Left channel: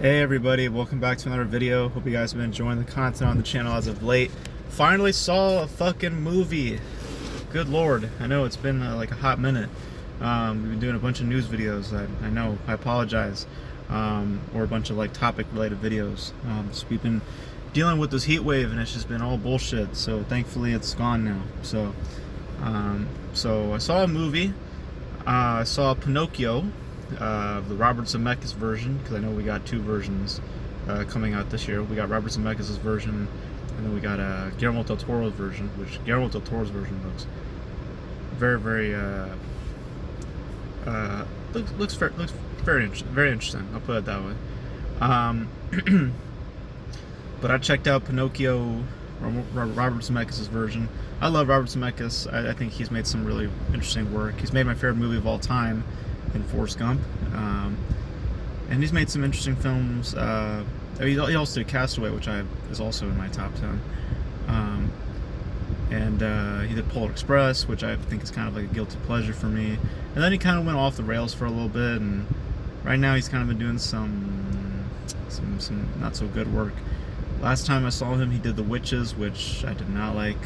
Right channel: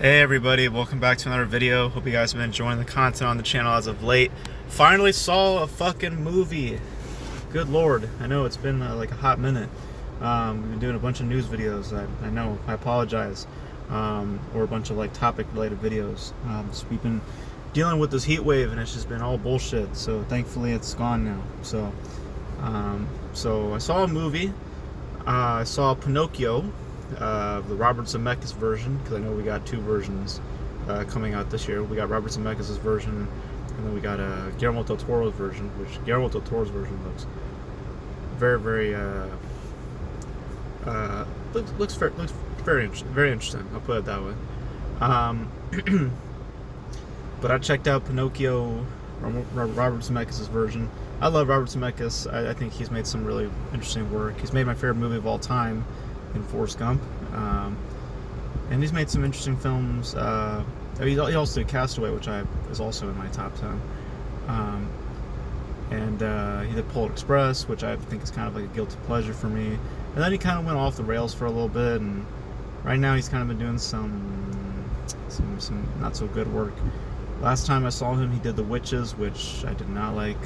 Hey everybody, welcome back to another video. Hope you guys have been enjoying the content on the channel as of late. Finally saw a fucking movie. Good lord, I know it's been like a hot minute. We've been doing a bunch of news videos. I know, I apologize. Or a bunch of like topic related videos. So we've been dealing with this heat wave and it's just been all bullshit. So thankfully it's gone now. So I saw a movie. I saw Pinocchio. The Robert Zemeckis version, because I know we got two versions coming out this year. We got Robert Zemeckis' version, and then we got Guillermo del Toro's version, which Guillermo del Toro's version looks very, very looks very interesting. I'll put it that way. But I checked out Pinocchio, Robert Zemeckis' version. I love Robert Zemeckis. I think he's made some really interesting work. He's made my favorite movie of all time in Forrest Gump, and he's made some interesting films. He also did Castaway, which is also in my top 10, and he did Polar Express, which I think is kind of like a guilty pleasure for me. And then he kind of went off the rails for a little bit, and right now he's kind of been doing some not so good work. Last time I saw him, he did The Witches, which I did not like.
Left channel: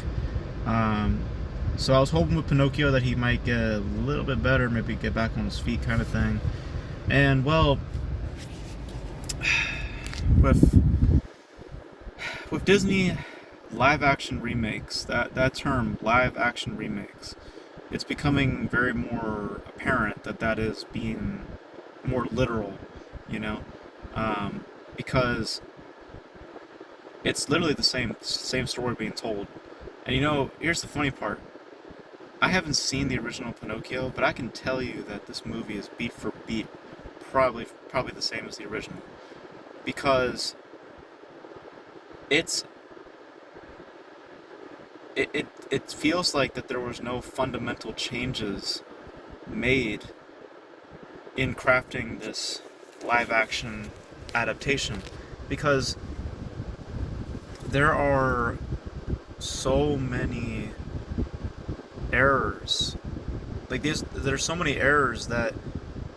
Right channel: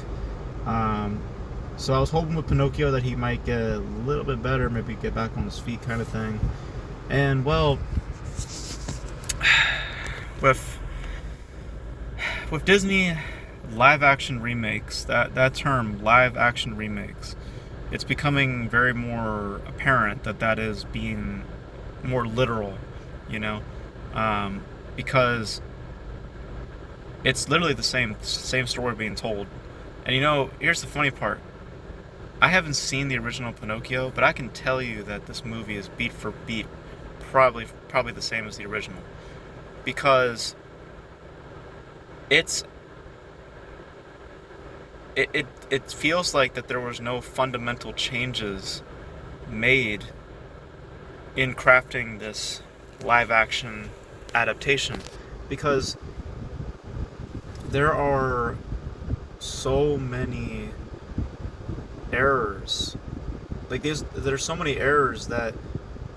So I was hoping with Pinocchio that he might get a little bit better, maybe get back on his feet kind of thing. And well, with Disney live action remakes, that term live action remakes, it's becoming very more apparent that is being more literal, you know, because it's literally the same story being told. And you know, here's the funny part. I haven't seen the original Pinocchio, but I can tell you that this movie is beat for beat probably the same as the original, because it feels like that there was no fundamental changes made in crafting this live action adaptation, because there are so many errors. Like there's so many errors that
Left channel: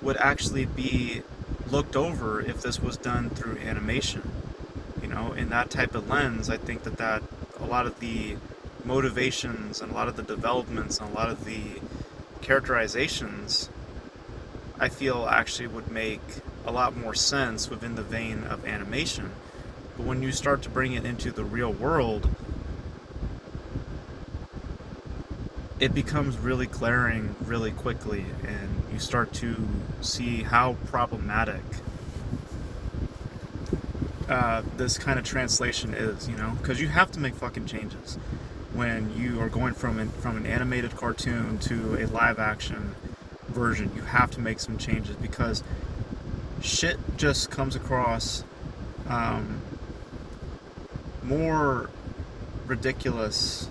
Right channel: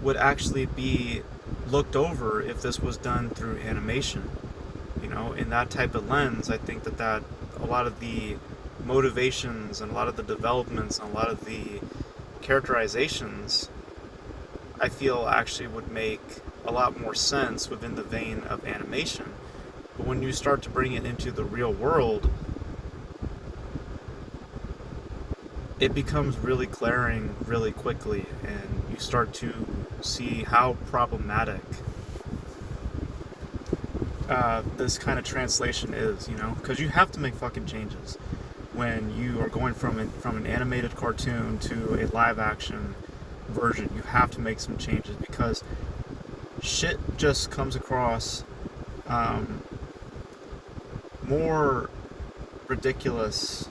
would actually be looked over if this was done through animation. You know, in that type of lens, I think that a lot of the motivations and a lot of the developments and a lot of the characterizations, I feel actually would make a lot more sense within the vein of animation. But when you start to bring it into the real world, it becomes really glaring really quickly, and you start to see how problematic this kind of translation is, you know, because you have to make fucking changes when you are going from an animated cartoon to a live action version. You have to make some changes because shit just comes across more ridiculous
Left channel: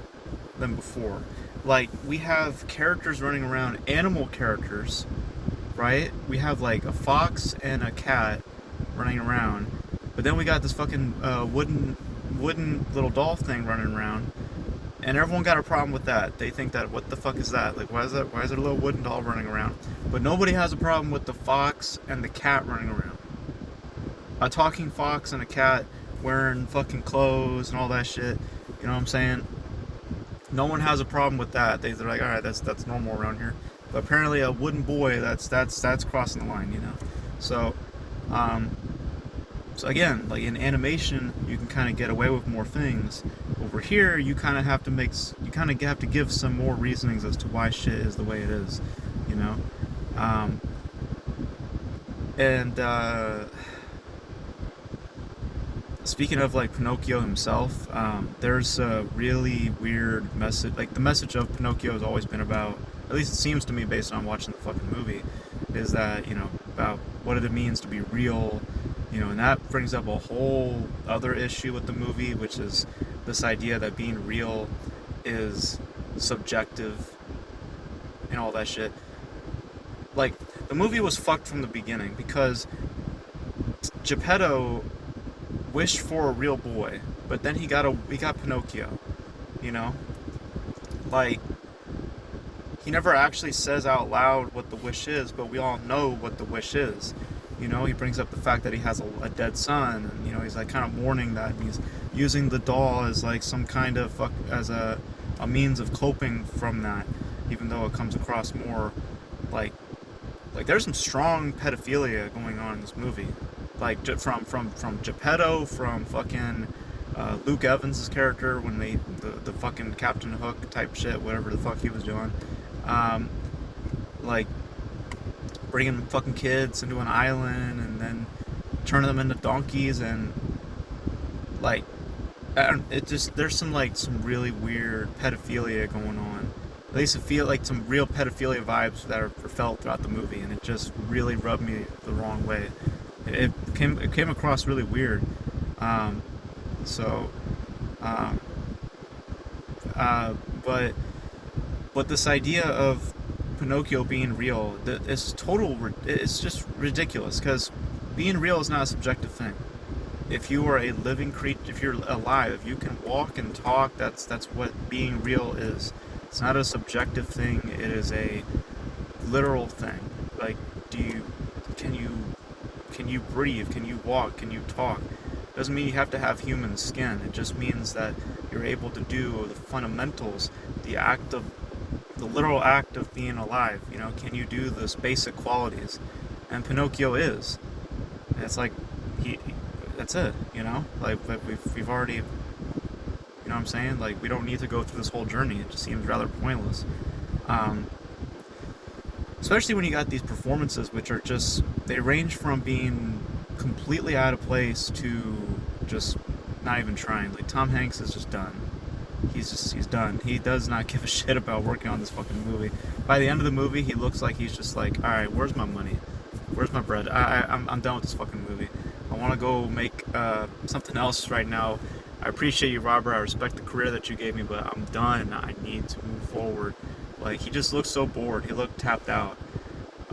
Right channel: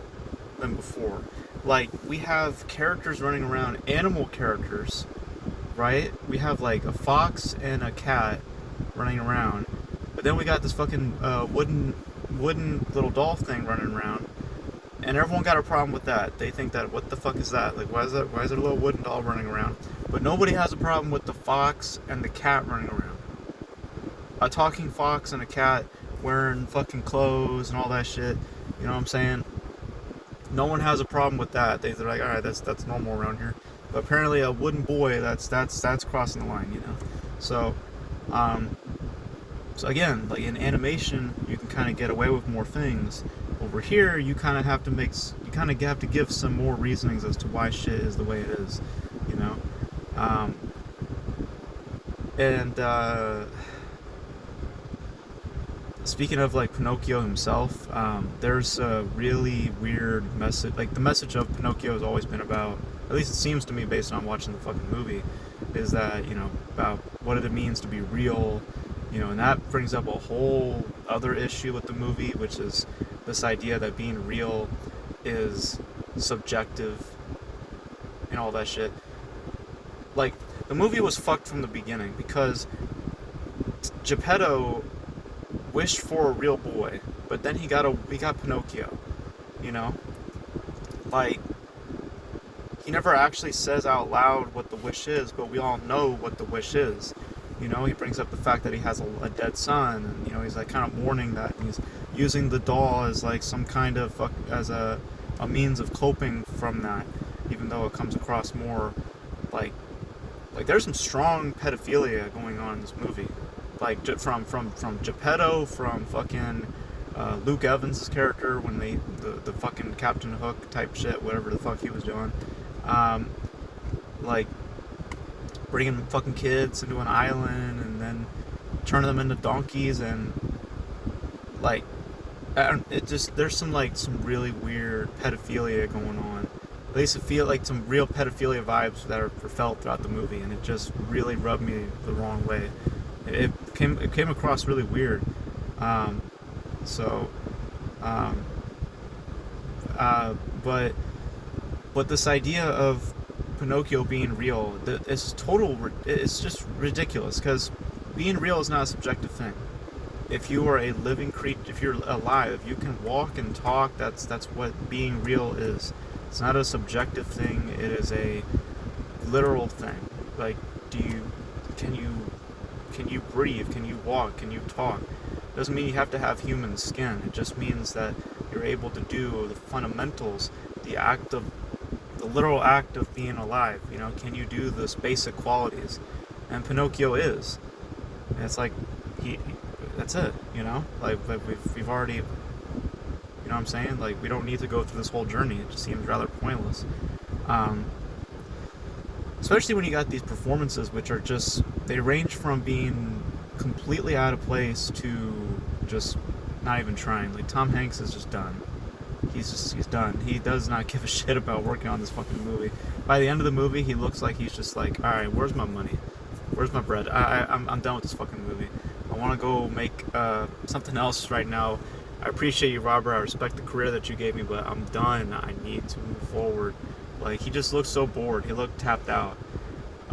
than before. Like, we have characters running around, animal characters, right? We have like a fox and a cat running around, but then we got this fucking wooden little doll thing running around, and everyone got a problem with that. They think that, what the fuck is that? Like, why is there a little wooden doll running around? But nobody has a problem with the fox and the cat running around. A talking fox and a cat wearing fucking clothes and all that shit. You know what I'm saying? No one has a problem with that. They're like, all right, that's normal around here. But apparently, a wooden boy, that's crossing the line, you know. So, so again, like in animation, you can kind of get away with more things. Over here, you kind of have to give some more reasonings as to why shit is the way it is, you know. And speaking of like Pinocchio himself, there's a really weird message. Like, the message of Pinocchio has always been about, at least it seems to me based on watching the fucking movie, is that, you know, about what it means to be real, you know, and that brings up a whole other issue with the movie, which is this idea that being real is subjective and all that shit. Like, the movie was fucked from the beginning because Geppetto wished for a real boy, but then he got Pinocchio, you know? Like, he never actually says out loud what the wish is, but we all know what the wish is. You know, he brings up the fact that he has a dead son, and you know, he's like kind of mourning that, and he's using the doll as like some kind of as a means of coping from that, even though it comes across more like there's some strong pedophilia going on in this movie, like from Geppetto, from fucking Luke Evans' character when the fucking Captain Hook type shit, whatever the fuck he was doing, like bringing fucking kids into an island and then turning them into donkeys, and like it just, there's some really weird pedophilia going on. At least it feel like some real pedophilia vibes that are felt throughout the movie, and it just really rubbed me the wrong way. It came across really weird. So, but this idea of Pinocchio being real, it's just ridiculous, because being real is not a subjective thing. If you are a living creature, if you're alive, if you can walk and talk, that's what being real is. It's not a subjective thing. It is a literal thing. Like, can you breathe? Can you walk? Can you talk? Doesn't mean you have to have human skin. It just means that you're able to do the fundamentals, the literal act of being alive. You know, can you do those basic qualities? And Pinocchio is. And it's like that's it. You know, like we've already. You know what I'm saying? Like, we don't need to go through this whole journey. It just seems rather pointless. Especially when you got these performances, which are just, they range from being completely out of place to just not even trying. Like, Tom Hanks is just done. He's done. He does not give a shit about working on this fucking movie. By the end of the movie, he looks like he's just like, alright, where's my money? Where's my bread? I'm done with this fucking movie. I want to go make something else right now. I appreciate you, Robert. I respect the career that you gave me, but I'm done. I need to move forward. Like, he just looked so bored. He looked tapped out.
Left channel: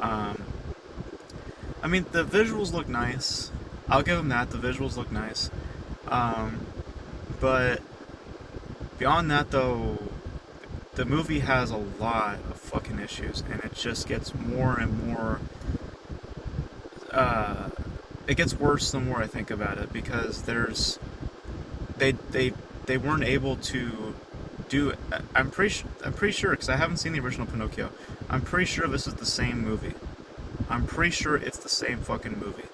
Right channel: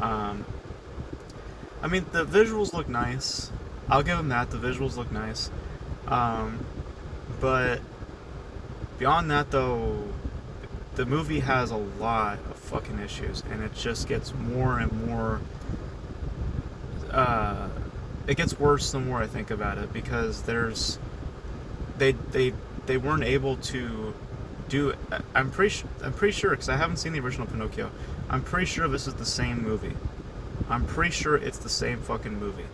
I mean, the visuals look nice. I'll give him that. The visuals look nice. But beyond that, though, the movie has a lot of fucking issues, and it just gets more and more. It gets worse the more I think about it, because they weren't able to do. I'm pretty sure, because I haven't seen the original Pinocchio. I'm pretty sure this is the same movie. I'm pretty sure it's the same fucking movie.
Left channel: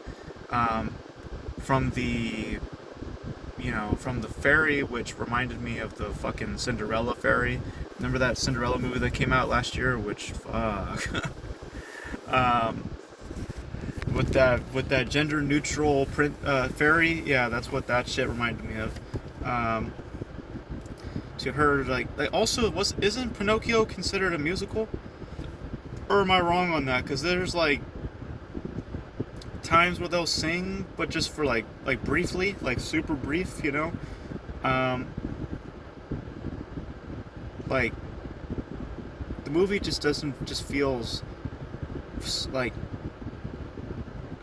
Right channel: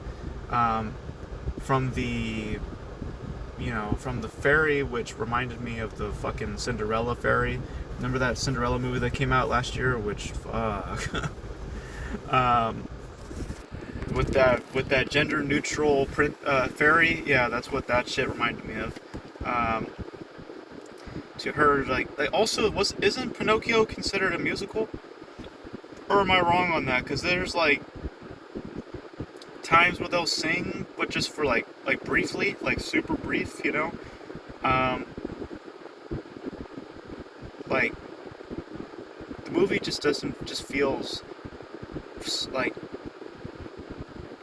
From the fairy, which reminded me of the fucking Cinderella fairy. Remember that Cinderella movie that came out last year? Which fuck. With that gender neutral fairy, yeah, that's what that shit reminded me of. To her, like also isn't Pinocchio considered a musical? Or am I wrong on that? Because there's like times where they'll sing, but just for like briefly, like super brief, you know. Like the movie just feels like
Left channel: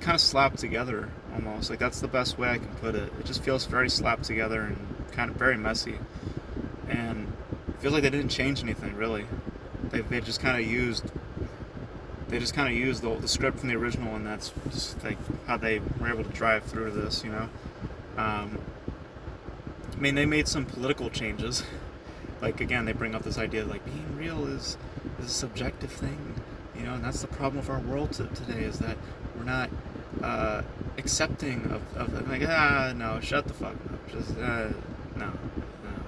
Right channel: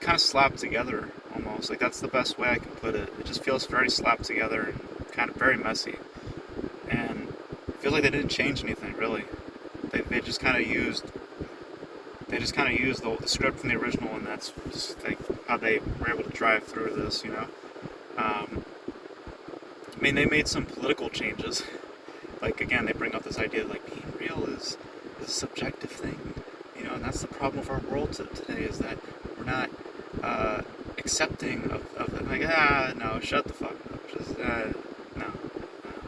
kind of slapped together almost. Like, that's the best way I can put it. It just feels very slapped together and kind of very messy. And I feel like they didn't change anything really. They just kind of used the script from the original, and that's just like how they were able to drive through this, you know. I mean, they made some political changes. Like, again, they bring up this idea like being real is a subjective thing, you know, and that's the problem with our world today, is that we're not accepting of I'm like, no, shut the fuck up, just no,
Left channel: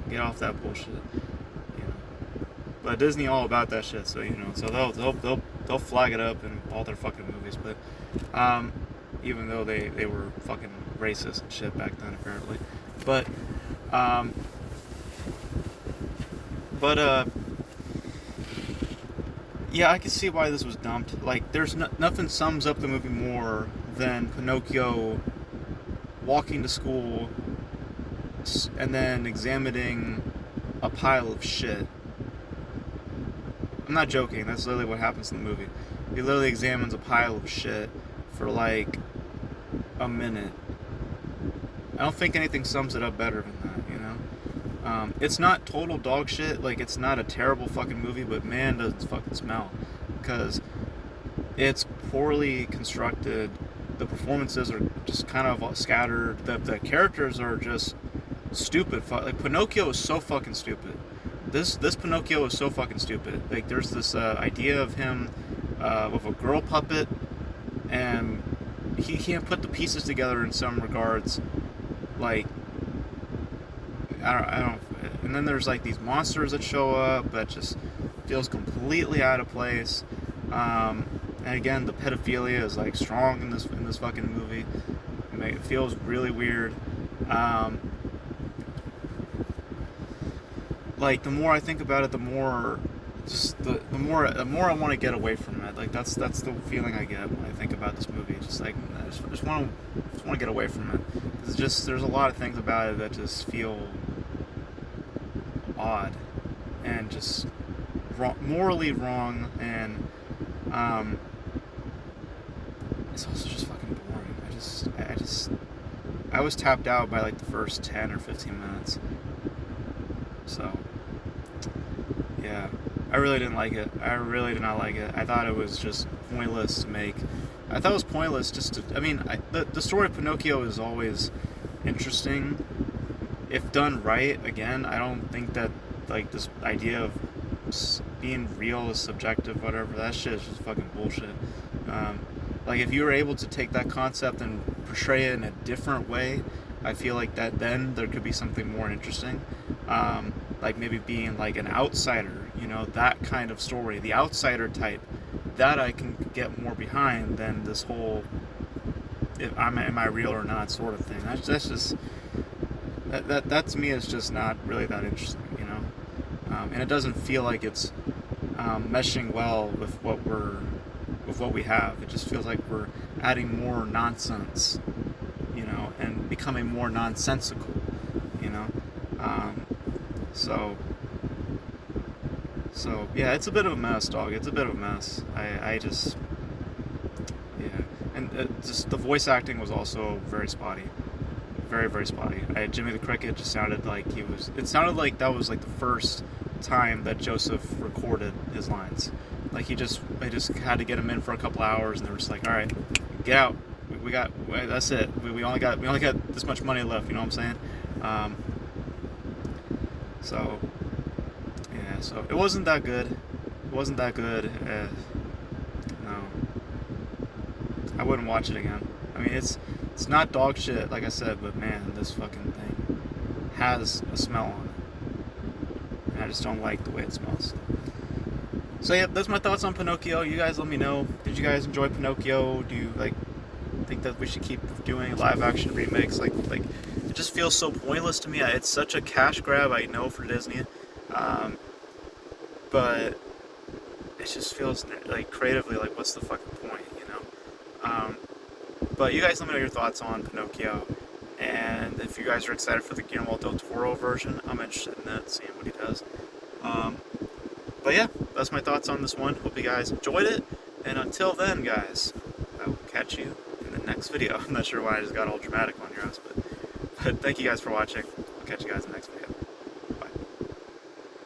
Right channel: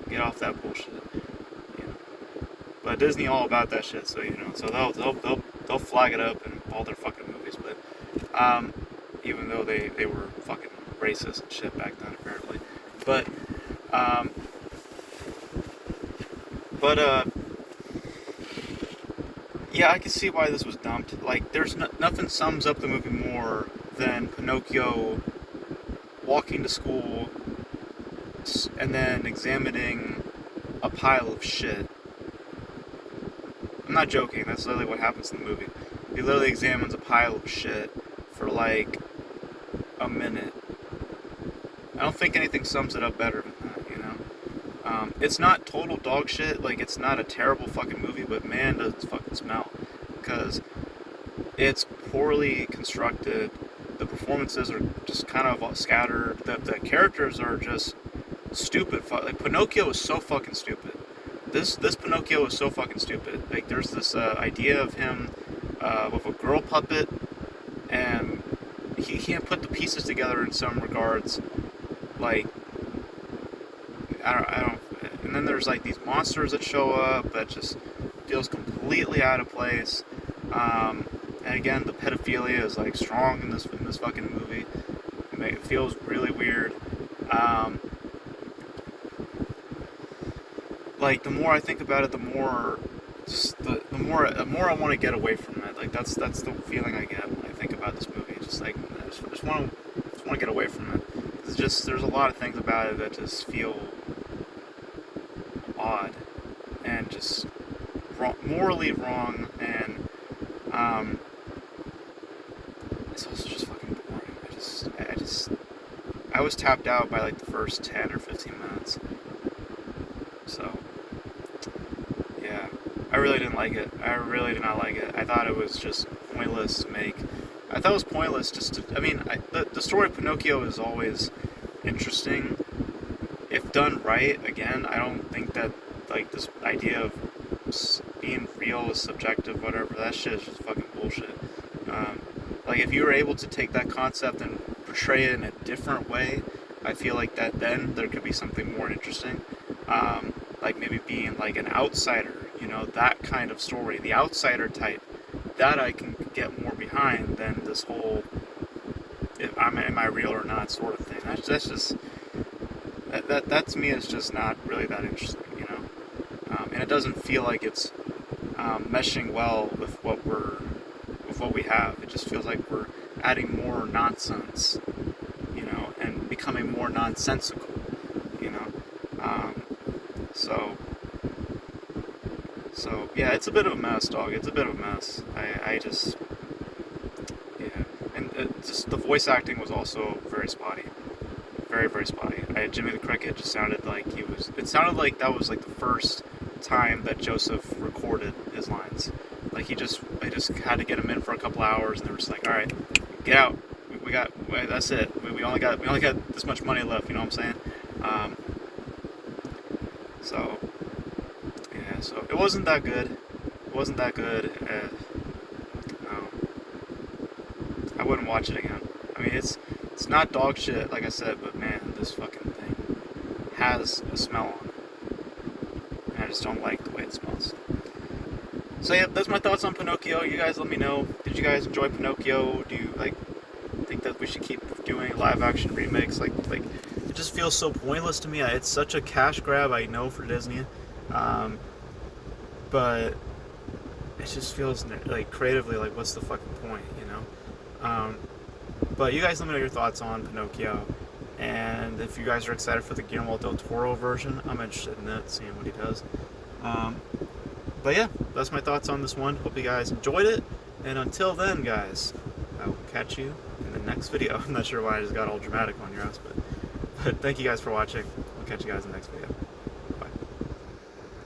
get off that bullshit, you know. But Disney all about that shit, so you know, so they'll flag it up in all their fucking movies, but even though they were fucking racist and shit back then apparently, but yeah, I can see why this was dumped. Like, there's nothing sums up the movie more than Pinocchio walking to school and then examining a pile of shit. I'm not joking, that's literally what happens in the movie. He literally examines a pile of shit for like a minute. I don't think anything sums it up better than that, you know? It's not total dog shit, like, it's not a terrible fucking movie, but man, does it fucking smell. Because it's poorly constructed. The performances are just kind of scattered. The characters are just stupid. Like Pinocchio is so fucking stupid. This Pinocchio is so fucking stupid. Like there's this idea of him with a girl puppet, and he can't put the pieces together in some regards. Like I don't. And then there's like these monsters that show up that just feels completely out of place. And again, the pedophilia is like strong in this fucking movie. It feels really weird. Like the more I think about it, the more the more I want to get away from it. Like that's the feeling I get when I think about this movie. Just like I just want to get away from it. It's just there's a lot of things about it that just feel odd and just morally wrong, and it's also just fucking boring. I was tapped out by like the first 10 or 15 minutes. So yeah, I really didn't like it. I really did not like it. I thought it was just pointless to make. I thought it was pointless just to. I mean, the story of Pinocchio is always interesting if done right. Again, I don't think that like this idea of being real is subjective, whatever. That shit is just fucking bullshit. Like if you were able to take that concept and portray it in a different way, I feel like that then there could be something more interesting. Like maybe being like an outsider, you know, that kind of story, the outsider type, that I can get more behind than this whole am I real or not sort of thing. That's just that to me is just not really that interesting, you know. And it doesn't feel like it's meshing well with what we have. It just feels like we're adding more nonsense, you know, and becoming more nonsensical, you know. So yeah, it's a bit of a mess, dog. It's a bit of a mess. I just yeah, and just the voice acting was also very spotty, very very spotty. Jimmy the Cricket just sounded like he was. It sounded like that was like the first time that Joseph recorded his lines. Like they just had to get him in for a couple hours, and they were just like, all right, get out. We got that's it. We only got this much money left. You know what I'm saying? So yeah, so it wasn't that good. It wasn't that good. No, I wouldn't watch it again. I mean, it's not dog shit, like I said, but man, this fucking thing has a smell on it, and I just don't like the way it smells. So yeah, that's my thoughts on Pinocchio. You guys let me know. Did you guys enjoy Pinocchio? Do you like think that we should keep doing live action remakes? Like it just feels so pointless to me. It's such a cash grab, I know, for Disney, but it just feels like creatively like what's the fucking point, you know? But you guys let me know your thoughts on Pinocchio, and if you guys are excited for the Guillermo del Toro version, I'm interested in it, seeing what he does. But yeah, that's my thoughts on this one. Hope you guys enjoyed it, and until then, guys, I will catch you in the next video. I'm not sure why I just got all dramatic on your ass, but thank you guys for watching. I'll catch you guys in the next video.